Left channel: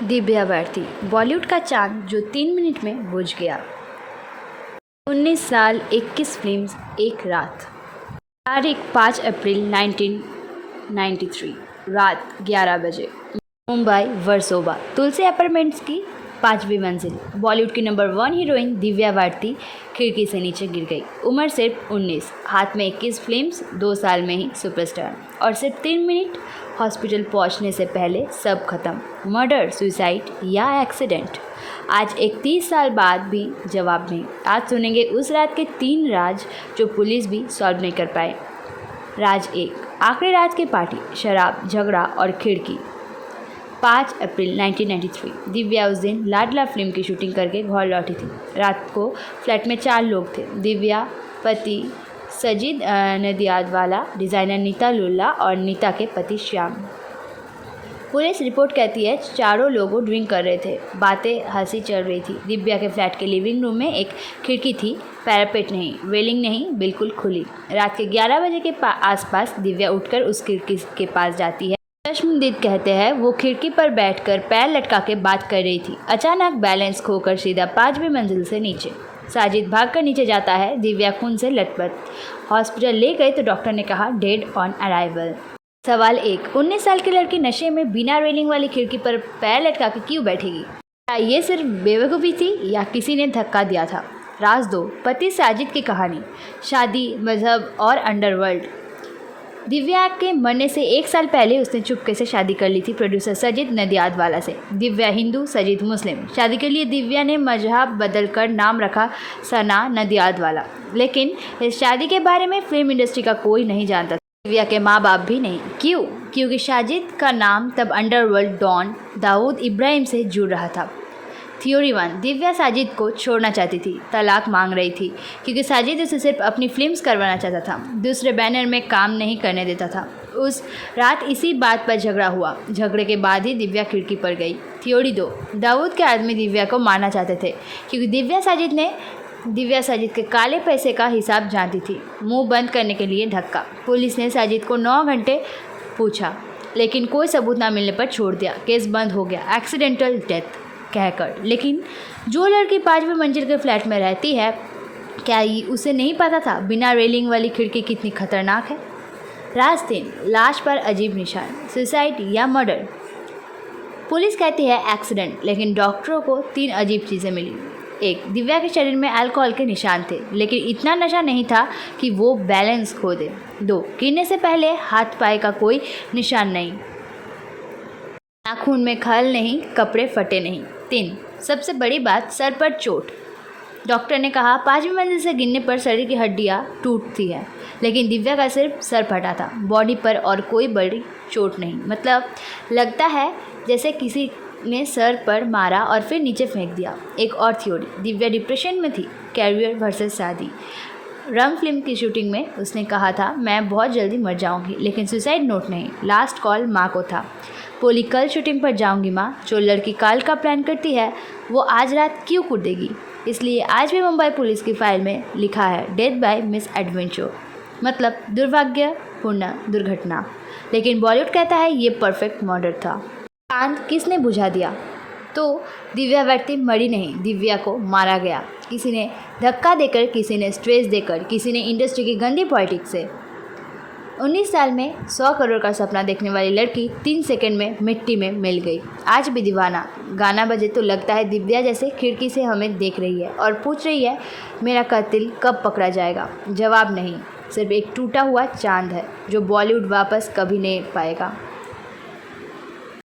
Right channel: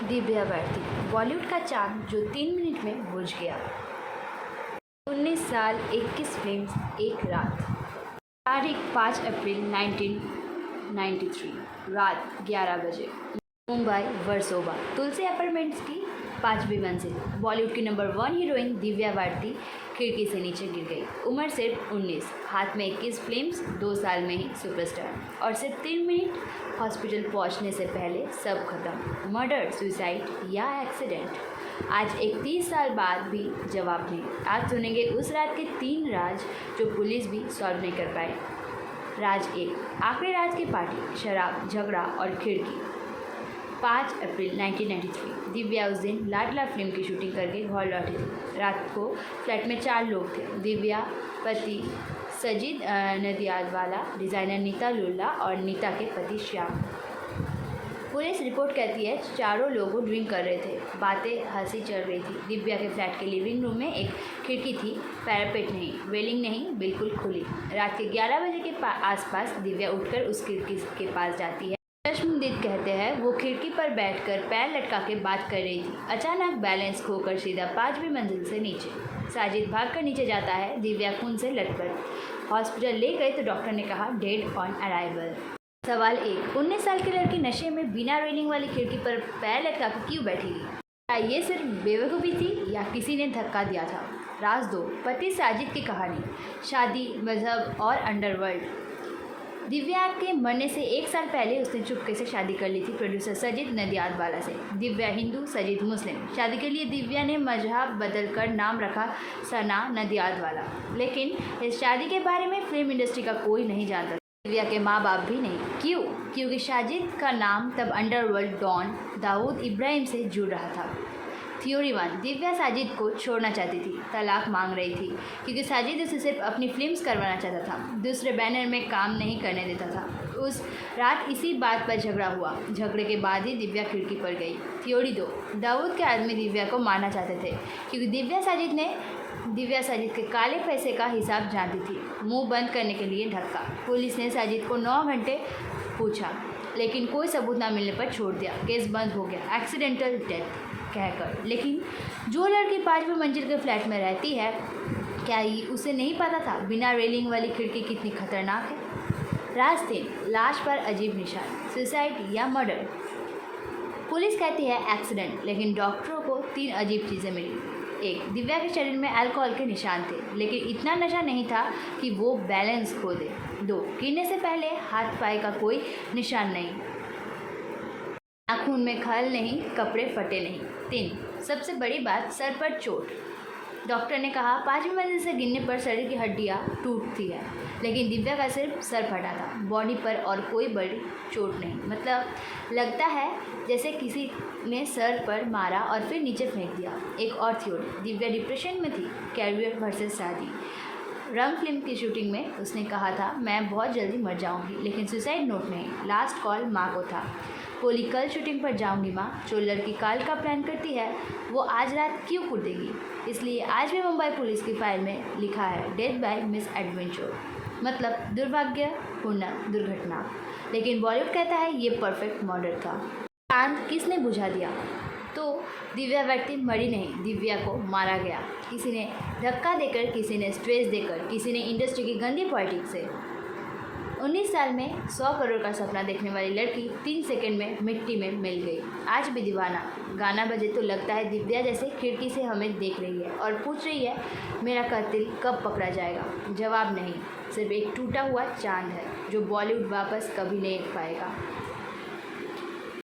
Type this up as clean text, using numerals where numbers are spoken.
दिव्या भारती, बॉलीवुड का चांद जो 3 मिनट में बुझ गया। 19 साल, 21 फिल्म्स, एक रात। तारीख 5 अप्रैल 1993, रात 11 बजे। मुंबई वर्सोवा तुलसी अपार्टमेंट्स की 5वीं मंजिल। बॉलीवुड की नंबर 1 हीरोइन दिव्या भारती खिड़की से नीचे गिर गई। उम्र सिर्फ 19, हाथ में 21 फिल्म्स, 2 साल में ही सुपरस्टार, और सिर्फ 3 मिनट हॉस्पिटल पहुंचने से पहले सब खत्म। मर्डर, सुसाइड या एक्सीडेंट? आज 31 साल बाद भी जवाब नहीं। आज सुनेंगे उस रात के 3 राज जो पुलिस भी सॉल्व नहीं कर पाए। राज 1, आखिरी रात की पार्टी, शराब, झगड़ा और खिड़की। 5 अप्रैल 1993, दिव्या उस दिन लाडला फिल्म की शूटिंग करके घर लौटी थी। रात को फ्लैट में 4 लोग थे। दिव्या, पति सजीद नदियादवाला, डिज़ाइनर नीता लुल्ला और नीता के पति श्याम। पुलिस रिपोर्ट कहती है चारों लोग ड्रिंक कर रहे थे, बातें हंसी चल रही थी। दिव्या के फ्लैट के लिविंग रूम में एक खिड़की थी, पैरापेट नहीं, रेलिंग नहीं, बिल्कुल खुली। रात के 11 बजे के आसपास दिव्या उठकर उस खिड़की के पास जाती है। चश्मदीद कहते हैं वो खिड़की पर बैठकर पैर लटका के बात कर रही थी। अचानक बैलेंस खोकर सीधा 5वीं मंजिल से नीचे। साजिद भागकर नीचे जाता है। दिव्या खून से लथपथ। हॉस्पिटल ले गए तो डॉक्टर ने कहा डेड ऑन अराइवल। सवाल 1, 19 साल की लड़की नशे में बिना रेलिंग वाली खिड़की पर पैर लटका के क्यों बैठेगी? क्या ये सिर्फ बेवकूफ़ी थी या किसी ने धक्का दिया था? राज 2, पति साजिद की कहानी, शादी, मजहब और अंडरवर्ल्ड। दिव्या के मरने से 1 साल पहले उसने चुपके से शादी कर ली थी प्रोड्यूसर सजीद नदियादवाला से। दिव्या हिंदू, सजीद मुस्लिम। शादी के लिए दिव्या ने मजहब बदलकर नाम रखा सना नदियादवाला। लेकिन इस शादी के बारे में फिल्म इंडस्ट्री का कोई नहीं जानता। दिव्या के माँ बाप भी नहीं। क्यों? क्योंकि साजिद का नाम तब अंडरवर्ल्ड डॉन दाऊद इब्राहिम से जुड़ रहा था। थ्योरी 1, दिव्या साजिद को छोड़ना चाहती थी, तलाक मांग रही थी क्योंकि साजिद उसे सिर्फ अपनी फिल्म्स करवाना चाहता था, दूसरे बैनर में काम नहीं करने देता था। उस रात इसी बात पर झगड़ा हुआ। झगड़े के बाद ही दिव्या खिड़की पर गई। थ्योरी 2, दाऊद के आदमी दिव्या को मारना चाहते थे क्योंकि दिव्या साजिद के काले पैसे का हिसाब जानती थी। मुंह बंद करने के लिए धक्का। पुलिस ने साजिद को 9 घंटे पूछा लेकिन कोई सबूत ना मिलने पर छोड़ दिया। केस बंद हो गया, एक्सीडेंटल डेथ कहकर। लेकिन जो लड़की 5वीं मंजिल के फ्लैट में रहती है, क्या उसे नहीं पता था बिना रेलिंग वाली खिड़की कितनी खतरनाक है? राज 3, लाश पर अजीब निशान, सुसाइड या मर्डर? पुलिस कहती है एक्सीडेंट, लेकिन डॉक्टरों को 3 अजीब चीज़ें मिली। 1, दिव्या के शरीर में अल्कोहल के निशान थे, लेकिन इतना नशा नहीं था कि वो बैलेंस खो दे। 2, गिरने से पहले हाथ पाए का कोई निशान नहीं, खून में खल नहीं, कपड़े फटे नहीं। 3, सबसे बड़ी बात, सर पर चोट। डॉक्टर ने कहा 5वीं मंजिल से गिरने पर शरीर की हड्डियां टूटती है, लेकिन दिव्या का सिर्फ सर फटा था, बॉडी पर और कोई बड़ी चोट नहीं। मतलब लगता है जैसे किसी ने सर पर मारा और फिर नीचे फेंक दिया। एक और थ्योरी, दिव्या डिप्रेशन में थी, कैरियर वर्सेस शादी। रंग फिल्म की शूटिंग में उसने कहा था मैं बहुत जल्दी मर जाऊंगी, लेकिन सुसाइड नोट नहीं, लास्ट कॉल माँ को था। बोली कल शूटिंग पर जाऊंगी माँ। जो लड़की काल का प्लान करती है वो आज रात क्यों कूदेगी? इसलिए आज भी मुंबई पुलिस की फाइल में लिखा है डेथ बाय मिस एडवेंचर, मतलब दुर्भाग्यपूर्ण दुर्घटना। लेकिन बॉलीवुड कहता है ये परफेक्ट मर्डर था। चांद किसने बुझा दिया? तो दिव्या भारती मरी नहीं, दिव्या को मारा गया। किसी ने धक्का देकर, किसी ने स्ट्रेस देकर, किसी ने इंडस्ट्री की गंदी पॉलिटिक्स से। 19 साल में 100 करोड़ का सपना देखने वाली लड़की 3 सेकंड में मिट्टी में मिल गई। आज भी दीवाना गाना बजे तो लगता है दिव्या जैसे खिड़की से हमें देख रही है और पूछ रही है मेरा कातिल कब पकड़ा जाएगा? जवाब नहीं, सिर्फ एक टूटा हुआ चांद है जो बॉलीवुड वापस कभी नहीं पाएगा।